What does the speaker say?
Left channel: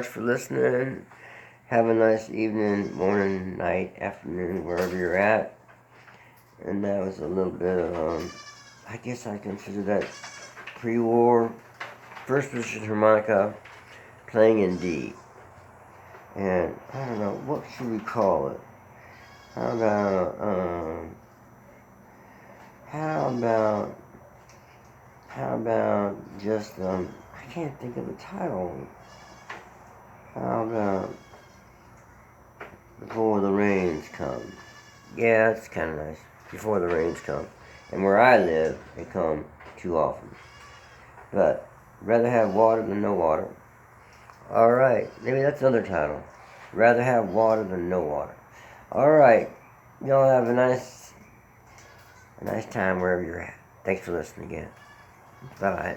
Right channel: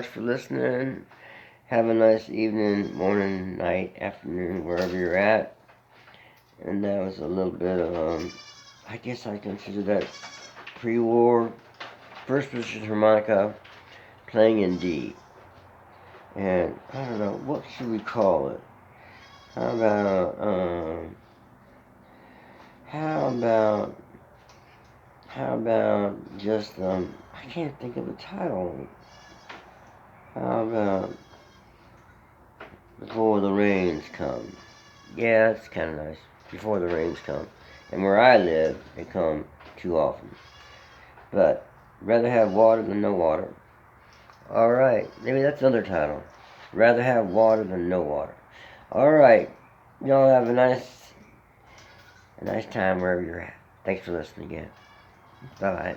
much for listening. Have a nice evening, morning, night, afternoon, wherever you're at. And that was a little bit of, I guess I consider that pre-war first position harmonica playing in D. And I don't know, what should we call it? How about just, I can't think of a title. How about Before the Rains Come? Yeah, that's kind of nice. Before the Rains Come. And where I live, they come too often. But, rather have water than no water. Alright, maybe that's another title. Rather have water than no water. Alright, y'all have a nice time wherever you're at. Thanks for listening again. Bye-bye.